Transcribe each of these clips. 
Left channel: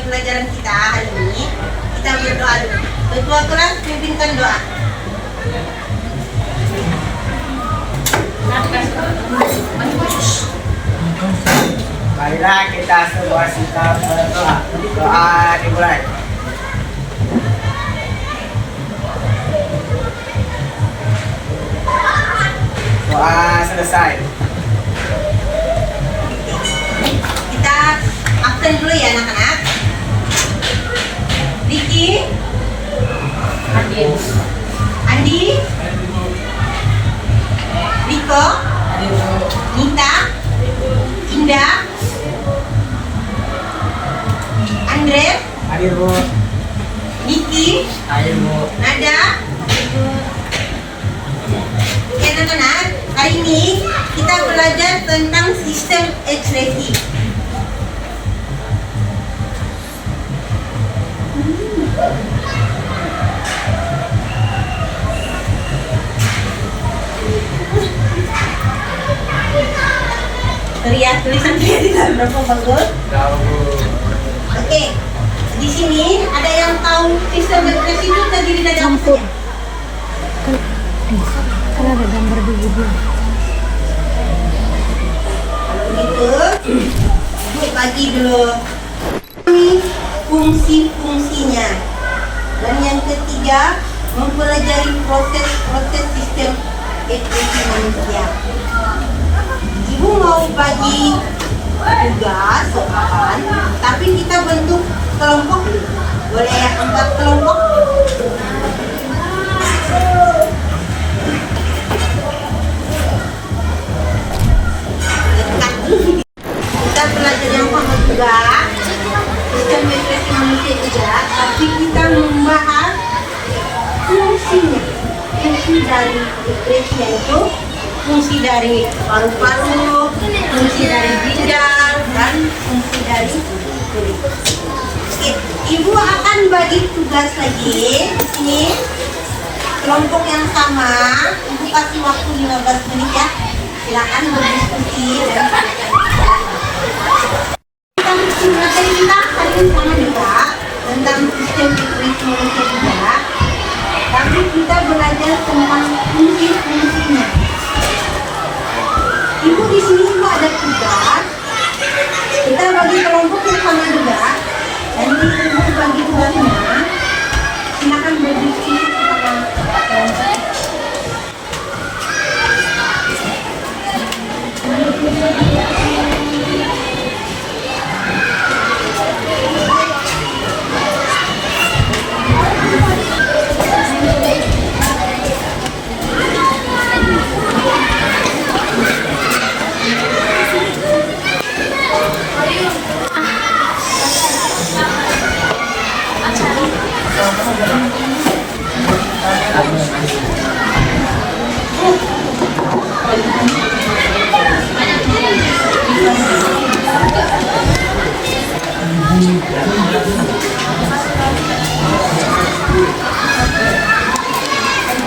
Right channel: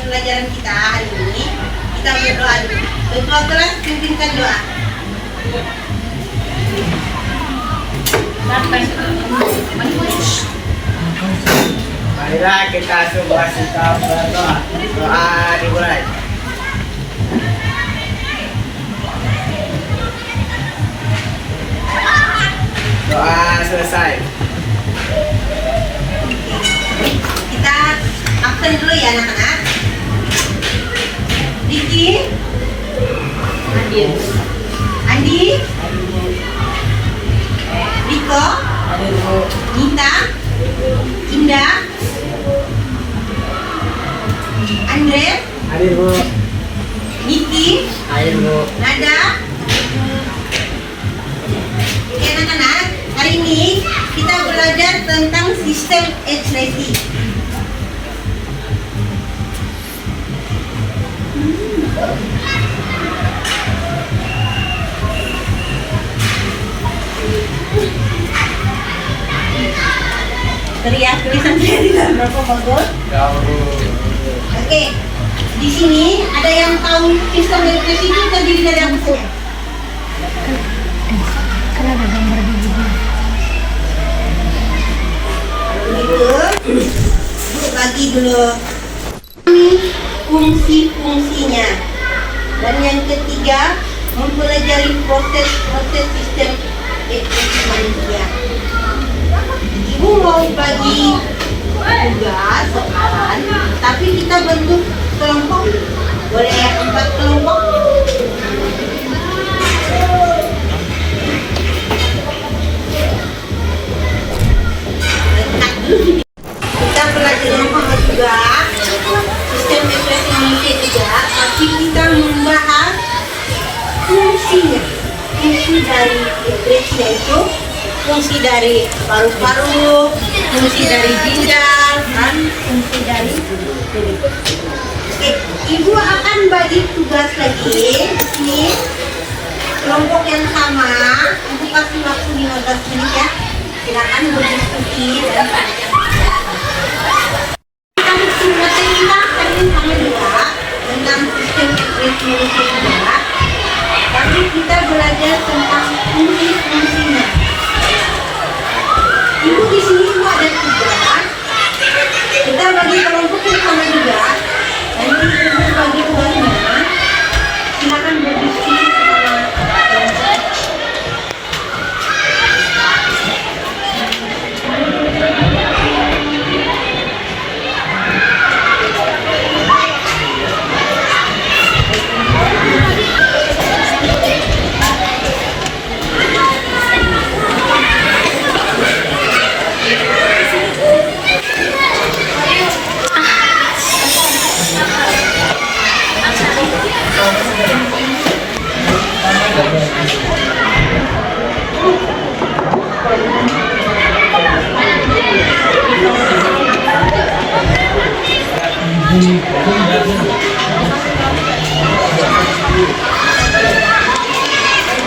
Pelajaran kita hari ini, kita berdoa dulu. Ketua kelas pimpinkan doa. Marilah kita semua sikap berdoa. Doa dimulai. Doa selesai. Kita absen dulu ya anak-anak. Riki, Andi, Riko, Nita, Indah, Andre, Hadir Bu. Niki, Hadir Bu. Nada. Oke anak-anak, hari ini kita belajar tentang sistem ekspresi. Lihat tulisannya tidak berapa bagus. Oke, di sini ada yang tahu sistem ekspresi itu terdiri dari apa saja? Kan ada gambar di video. Begitu, Bu bagi dulu fungsi-fungsinya. Dan yang ketiga, mempelajari proses-proses sistem ekspresi manusia. Ibu mau bagi tugas soalan, tapi kita bentuk kelompok dulu. Boleh ya 4 kelompok? Dekat dulu. Kita belajar yang sama juga sistem ekspresi manusia juga, tapi kita membahas fungsinya. Fungsi dari ekspresi yaitu fungsi dari paru-paru, fungsi dari ginjal, dan fungsi dari kulit. Oke, Ibu akan bagi tugas lagi. Ini kelompok yang sama. Ibu kasih waktu 15 menit ya. Silakan berdiskusi dan kita materi kita hari ini sama juga tentang sistem ekspresi manusia juga. Tapi kita belajar tentang fungsi-fungsinya. Ibu di sini Ibu ada tugas. Kita bagi kelompok yang sama juga. Nanti Ibu bagi tugasnya. Silakan berdiskusi sama kelompok.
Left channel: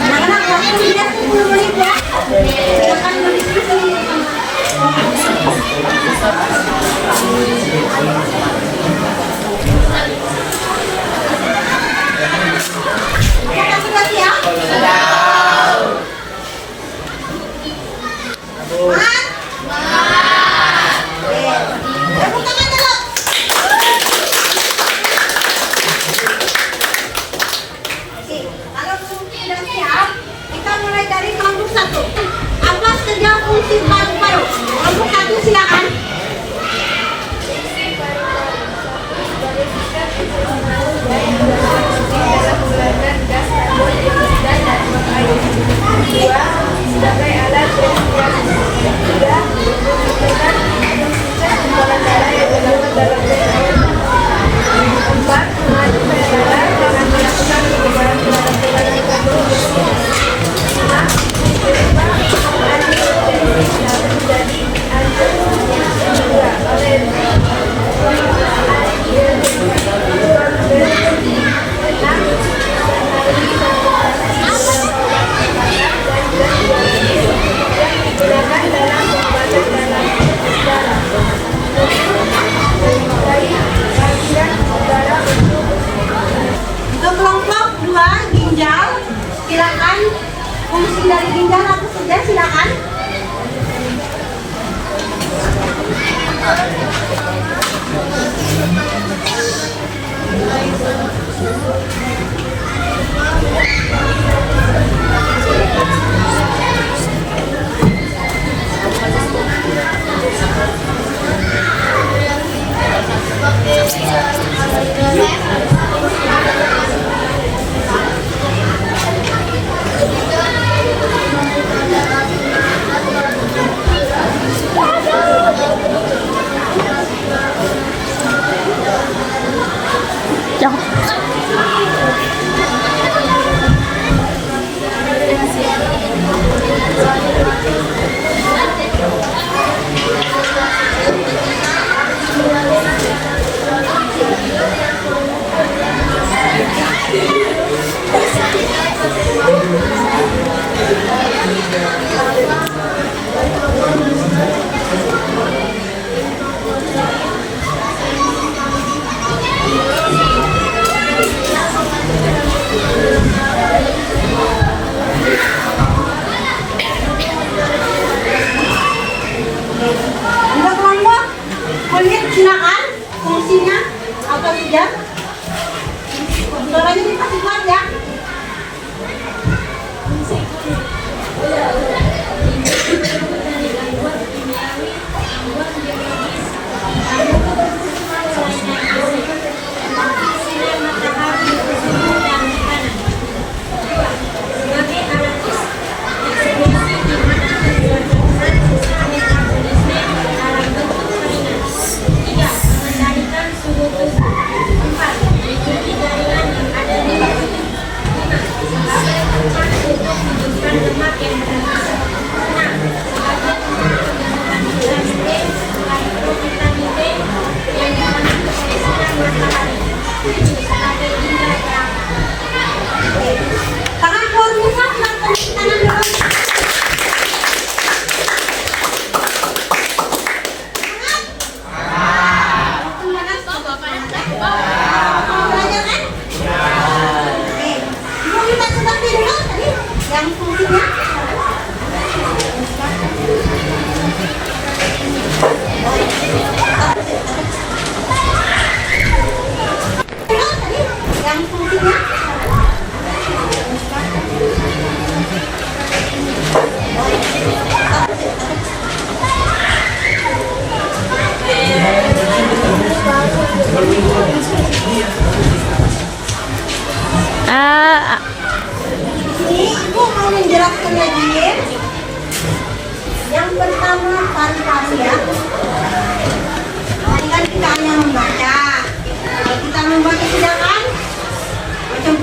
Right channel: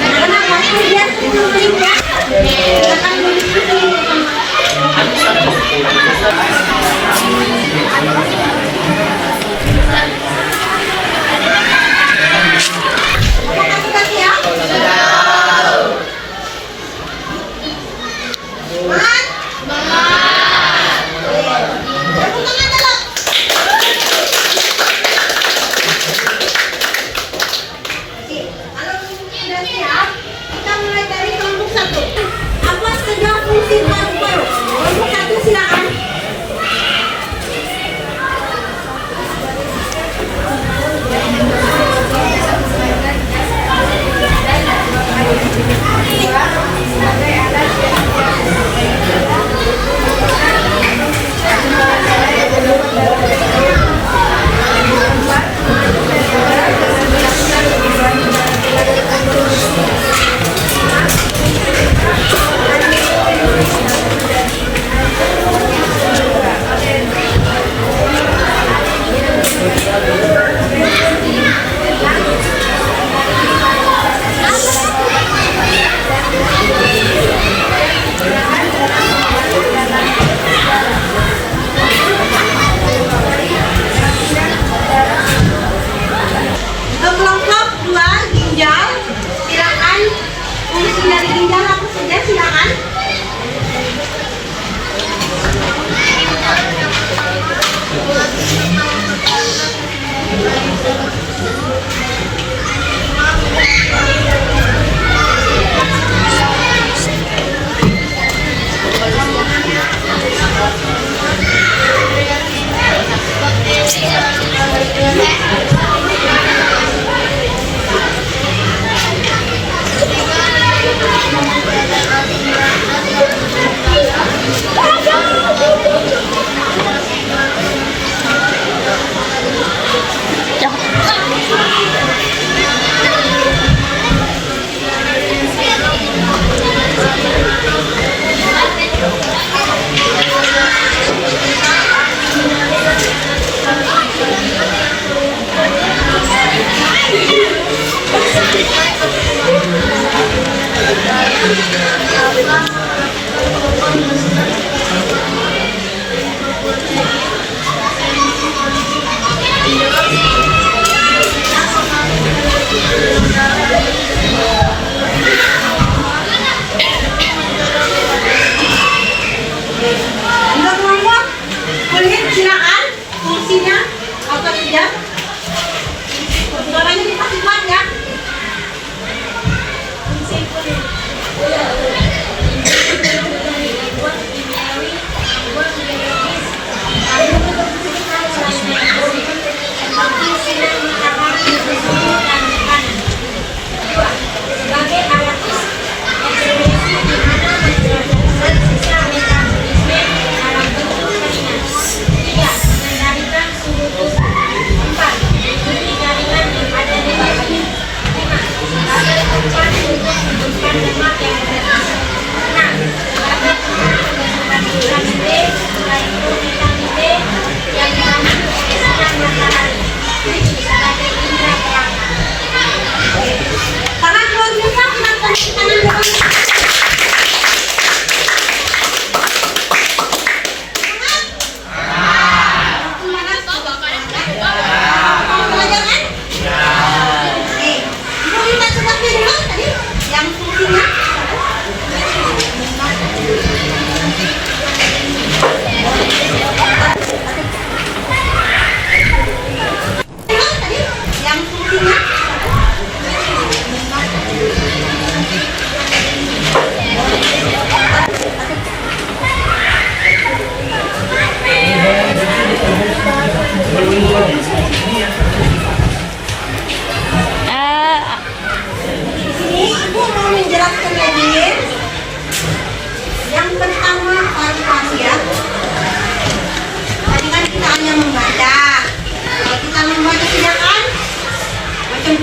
Anak-anak waktunya 10 menit ya. Silakan berdiskusi sama. Apakah sudah siap? Semangat? Tepuk tangan dulu. Kalau sudah siap, kita mulai dari kelompok 1. Apa saja fungsi paru-paru? Kelompok 1 silakan. Sebagai alat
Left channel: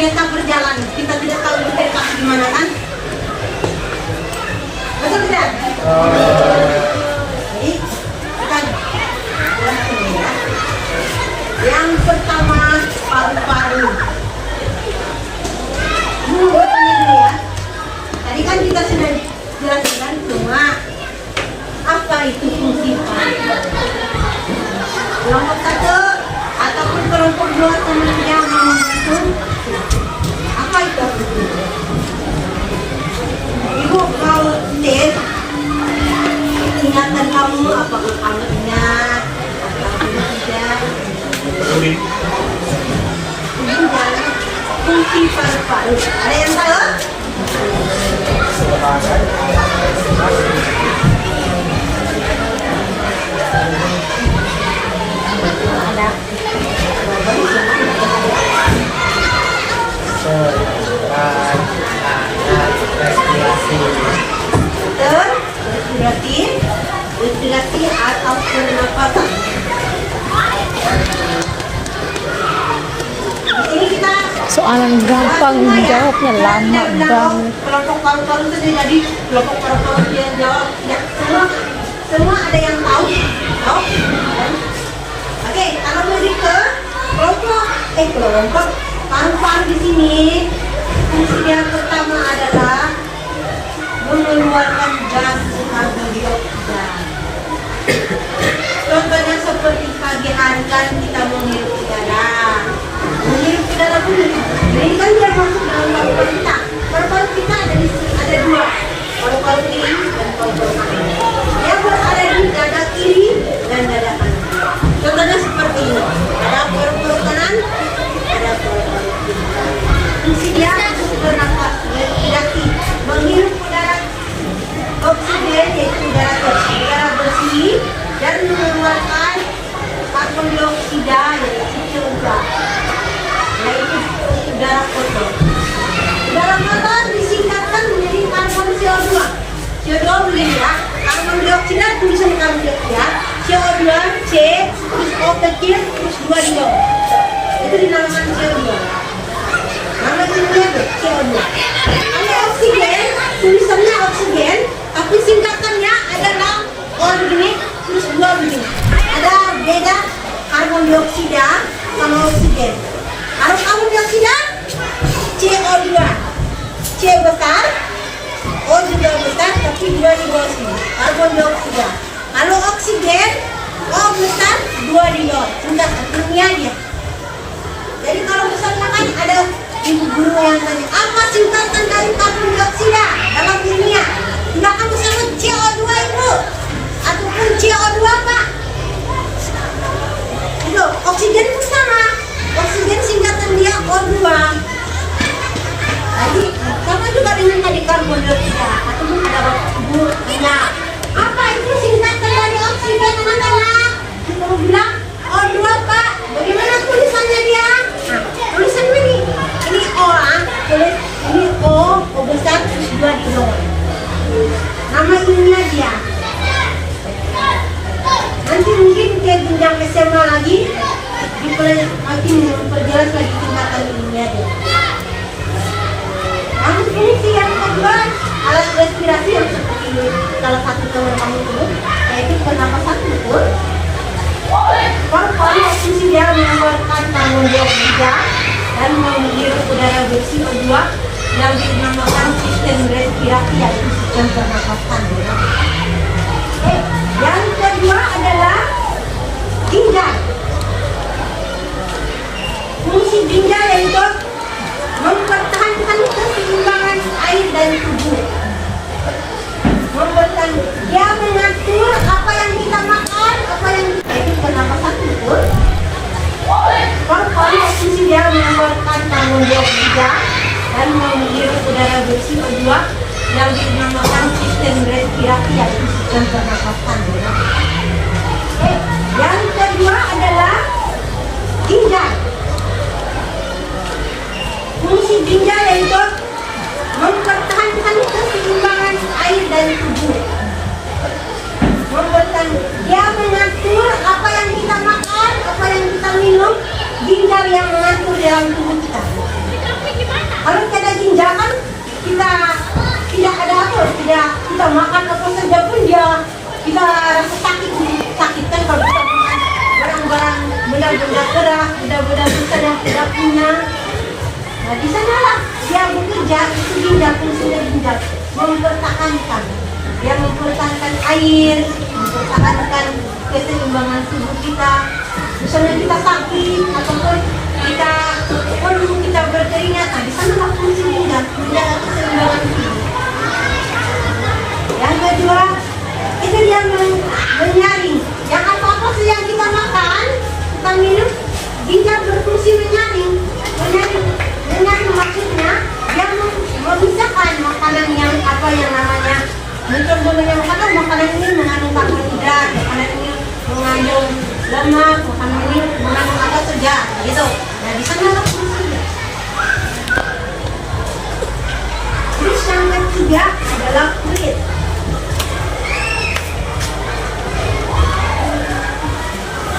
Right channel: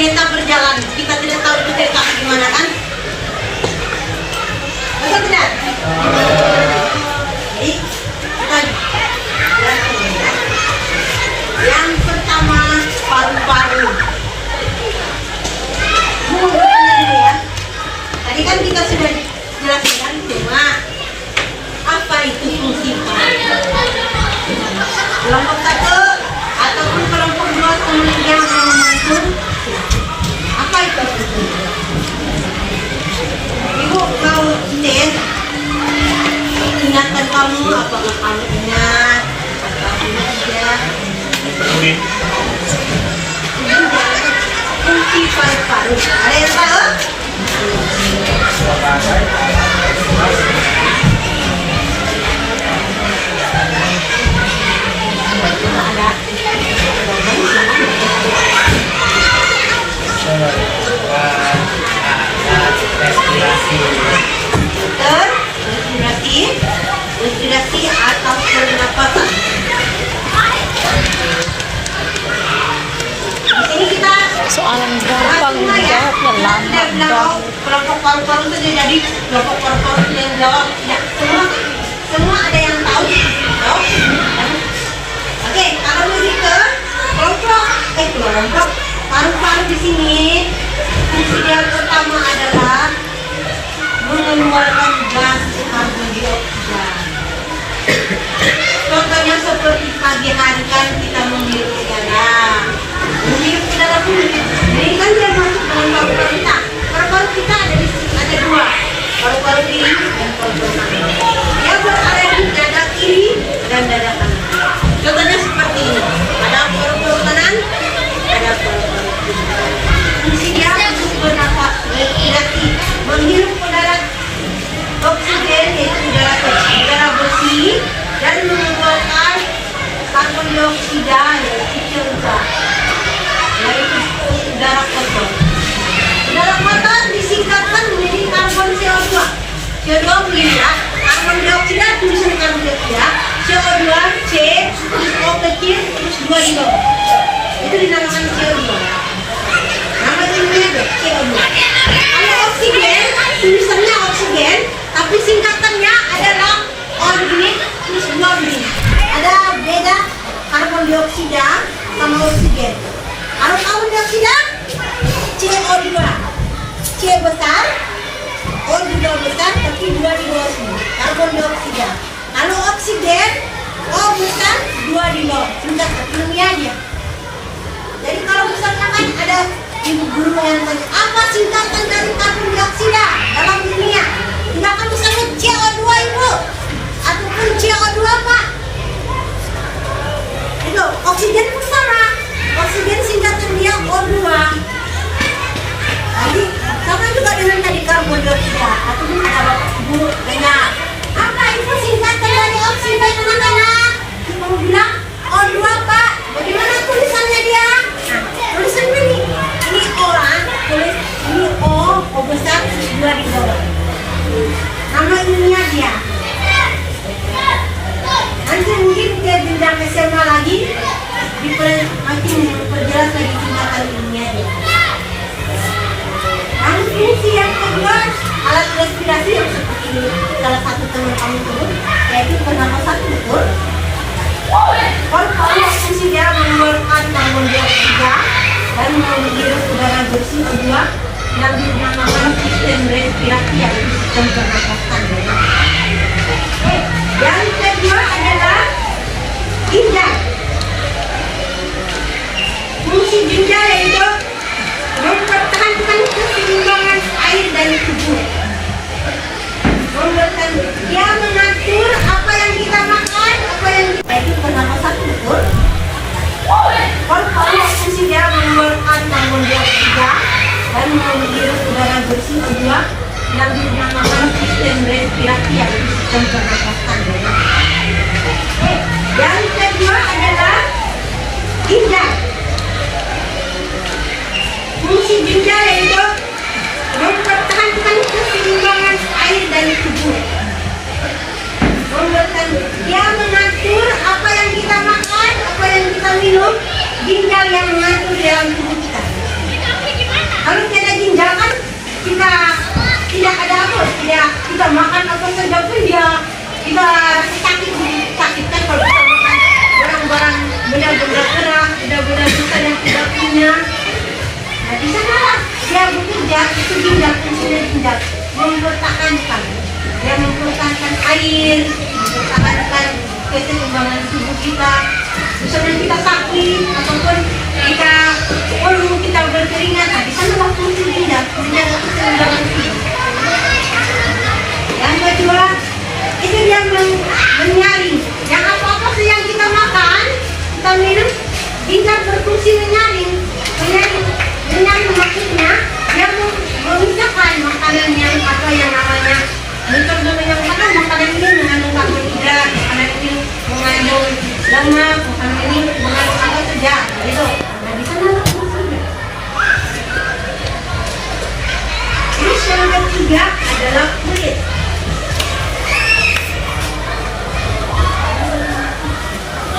kereta berjalan, kita tidak tahu itu kereta gimana kan? Betul tidak? Jadi kita jelaskan ya. Yang pertama paru-paru. Mulutnya dulu ya. Tadi kan kita sudah jelaskan cuma apa itu fungsi paru. Kelompok 1 ataupun kelompok 2 yang membantu. Apa itu? Ibu kau tes ingatan kamu, apakah kamu ingat atau tidak? Fungsi paru-paru. Ada yang tahu? Ada. Respirasi. Betul, respirasi atau pernapasan. Di sini kita Soalan gampang dijawabnya lama banget. kelompok paru-paru itu dia jadi kelompok paru-paru yang jawab ya semua ada yang tahu. Oke, kalau lebih ke kelompok paru-paru di sini fungsi yang pertama adalah mengeluarkan gas karbon dioksida. Contohnya seperti pagi hari kan kita menghirup udara. Menghirup udara pun ini kan dia masuk dalam paru-paru kita. Paru-paru kita ada dua, paru-paru kiri dan paru-paru kanan. Dia berada di dada kiri dan dada kanan. Contohnya seperti ini. Ada paru-paru kanan, ada paru-paru kiri. Fungsi dia untuk bernafas, respirasi, menghirup udara oksigen yaitu udara bersih dan mengeluarkan karbon dioksida yaitu CO2 yaitu udara kotor. Udara kotor disingkatkan menjadi karbon CO2. CO2 begini ya, karbon dioksida tulisan karbon dioksida, CO2 C terus O kecil terus 2 di bawah. Itu dinamakan CO2 ya. Nama dunia itu CO2. Kalau oksigen tulisannya oksigen tapi singkatannya adalah organik terus 2 begini. Ada beda karbon dioksida sama oksigen. Kalau karbon dioksida CO2, C besar, O juga besar tapi 2 di bawah sini. Karbon dioksida. Kalau oksigen O besar, 2 di bawah. Singkatan ilmiah dia. Jadi kalau misalnya kan ada ibu guru yang tanya apa singkatan dari karbon dioksida dalam ilmiah, tinggal kamu sama CO2 ibu ataupun CO2 pak. Itu oksigen pun sama, oksigen singkatan dia O2. Jadi sama juga dengan tadi karbon dioksida ataupun ada bapak ibu tanya apa itu singkatan dari oksigen anak-anak, kamu bilang O2 pak. Bagaimana tulisannya dia? Nah, tulisannya ini O lah, tulis ini O besar terus 2 di bawah. Nama ilmiah dia. Nanti mungkin ke jenjang SMA lagi diperjelas lagi singkatan ilmiah dia. Namun fungsi yang kedua alat respirasi yang seperti ini salah satu teman kamu sebut yaitu pernapasan betul. Paru-paru fungsi dia mengeluarkan karbon dioksida dan menghirup udara bersih O2 yang dinamakan sistem respirasi yaitu sistem pernapasan. Yang kedua adalah ginjal. Fungsi ginjal yaitu mempertahankan keseimbangan air dari tubuh. Dia mengatur apa yang kita makan, apa yang kita itu pernapasan betul. Paru-paru fungsi dia mengeluarkan karbon dioksida dan menghirup udara bersih O2 yang dinamakan sistem respirasi yaitu sistem pernapasan. Yang kedua adalah ginjal. Fungsi ginjal yaitu mempertahankan keseimbangan air dari tubuh. Dia mengatur apa yang kita makan, apa yang kita minum, ginjal yang mengatur dalam tubuh kita. Kalau tiada ginjal kan kita tidak ada apa, tidak kita makan apa saja pun dia kita rasa sakit kan kalau kita makan barang-barang benda-benda keras, benda-benda kita yang tidak punya. Nah di sanalah dia bekerja, itu ginjal, fungsinya ginjal mempertahankan, dia mempertahankan air, mempertahankan keseimbangan tubuh kita. Misalnya kita sakit ataupun kita perlu kita berkeringat, nah di sanalah fungsi ginjal menjaga keseimbangan tubuh. Yang kedua, itu dia menyaring. Yang apa-apa sih yang kita makan, kita minum, ginjal berfungsi menyaring. Menyaring maksudnya dia memisahkan makanan yang apa yang namanya makanan ini mengandung karbohidrat, makanan ini mengandung lemak, makanan ini mengandung apa saja, gitu. Nah di sana lah fungsinya. Terus yang ketiga adalah kulit.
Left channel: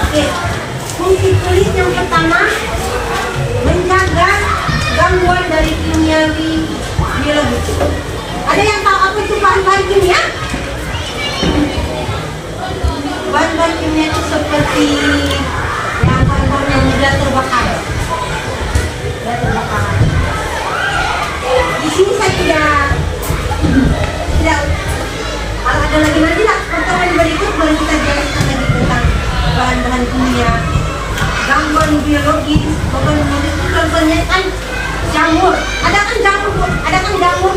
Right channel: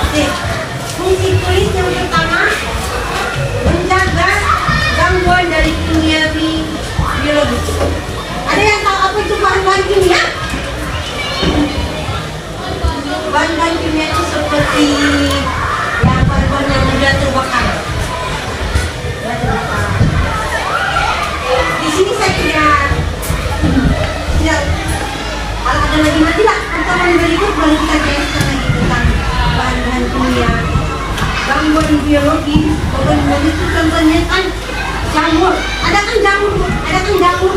Oke, fungsi kulit yang pertama menjaga gangguan dari kimiawi biologis. Ada yang tahu apa itu bahan-bahan kimia? Bahan-bahan kimia itu seperti yang bahan-bahan yang mudah terbakar. Di sini saya tidak ada lagi nanti lah pertemuan berikut baru kita jelaskan lagi tentang bahan-bahan kimia, gangguan biologis, bahan-bahan itu contohnya kan jamur. Ada kan jamur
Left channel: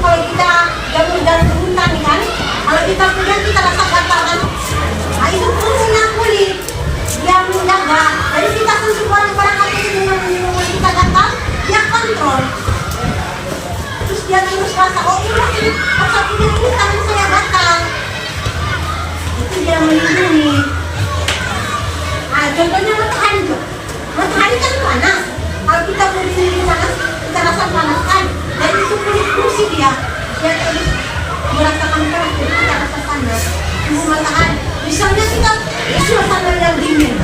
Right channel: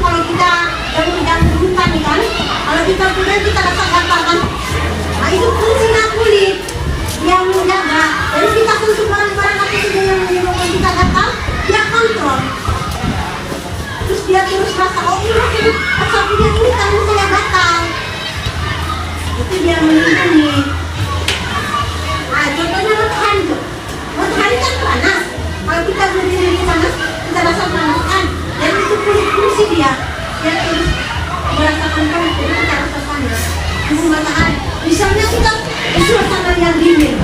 kalau kita jamur hutan kan, kalau kita punya kita rasa gatal kan. Nah itu fungsinya kulit yang menjaga. Jadi kita sentuh barang-barang apa saja yang menyebabkan kita gatal, dia kontrol. Terus dia terus rasa, oh ini rasa punya ini tangan saya gatal. Itu dia melindungi. Nah contohnya matahari kan panas. Kalau kita berdiri di panas, kita rasa panas kan. Dan itu fungsi dia terus merasakan panas, jadi kita rasa panas. Itu matahari. Misalnya kita suasana yang dingin,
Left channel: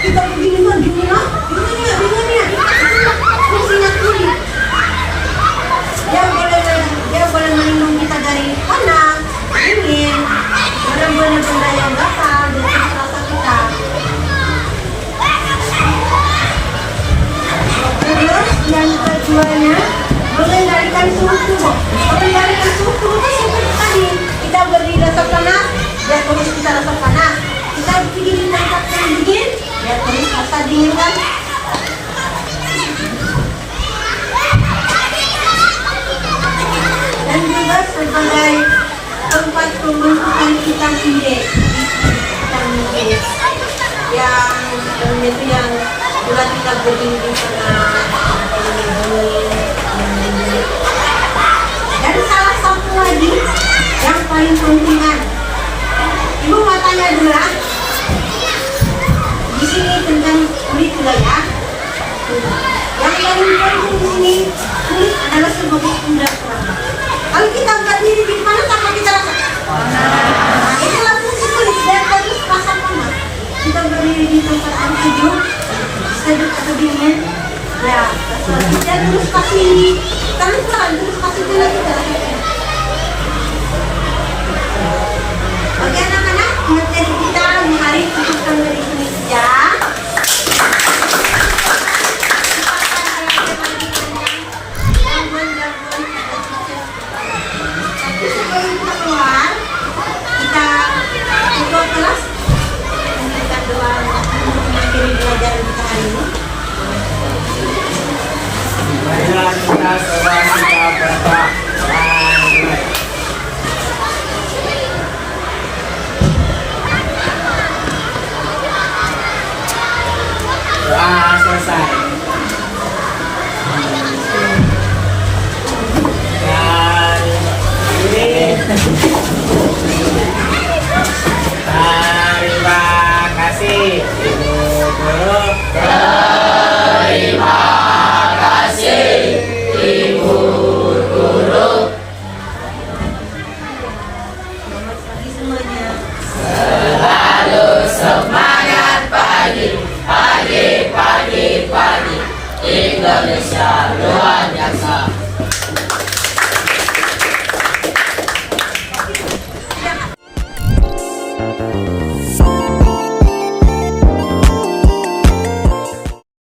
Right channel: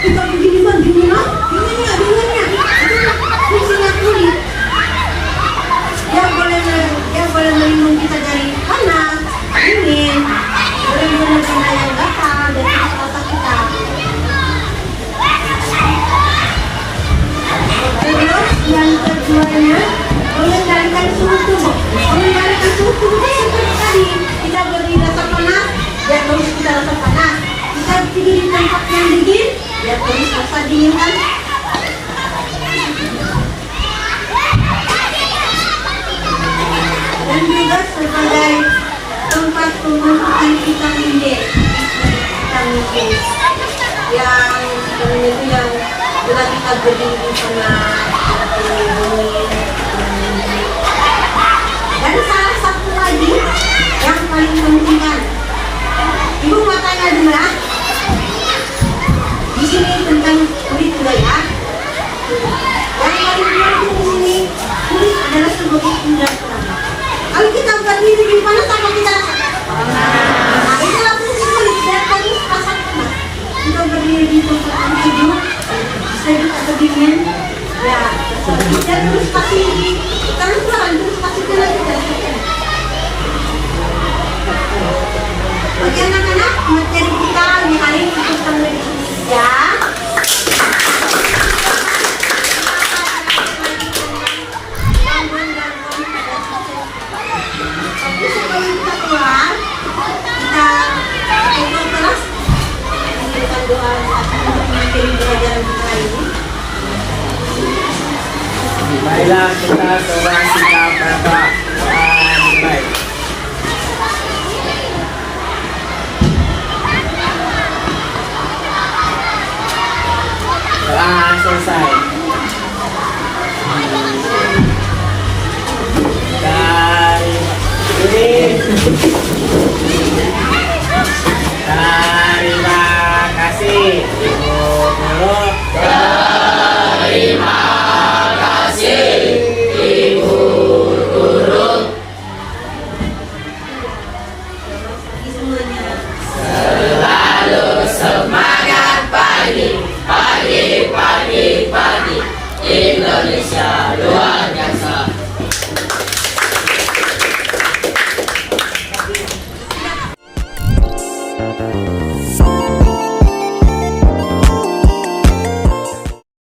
kita begini kan dinginnya. Itu fungsinya kulit. Dia boleh melindungi kita dari panas, dingin, benda-benda yang gatal dari rasa kita. Terus yang keduanya mengendalikan suhu tubuh. Mengendalikan suhu tubuh kan seperti tadi, kita berdiri rasa panas, dia terus kita rasa panas. Kita pergi di tempat yang dingin, dia terus rasa dingin kan. Dan juga sebagai tempat pembentukan vitamin D. Vitamin D yang itu yang bila kita berdiri di sana. Dan salah satu lagi yang paling penting kan, ibu mau tanya dulu ya. Di sini tentang kulit dulu ya. Yang paling penting di sini kulit adalah sebagai indera perangkat. Kalau kita berdiri di panas apa kita rasa? Nah, itulah fungsi kulit dan harus rasa panas. Kita berdiri di tempat yang sejuk atau dingin, ya. Kita terus kasih tangan terus kasih gula kita. Oke anak-anak, materi kita hari ini cukupkan dari sini saja. Sebelum kita keluar, kita coba kelas memberikan doa untuk mengakhiri pelajaran kita hari ini. Marilah kita seorang kita berdoa dan mulai. Doa selesai. Terima kasih Ibu Guru. Terima kasih Ibu Guru. Selamat pagi semuanya. Selalu semangat pagi, pagi, pagi, pagi. Indonesia.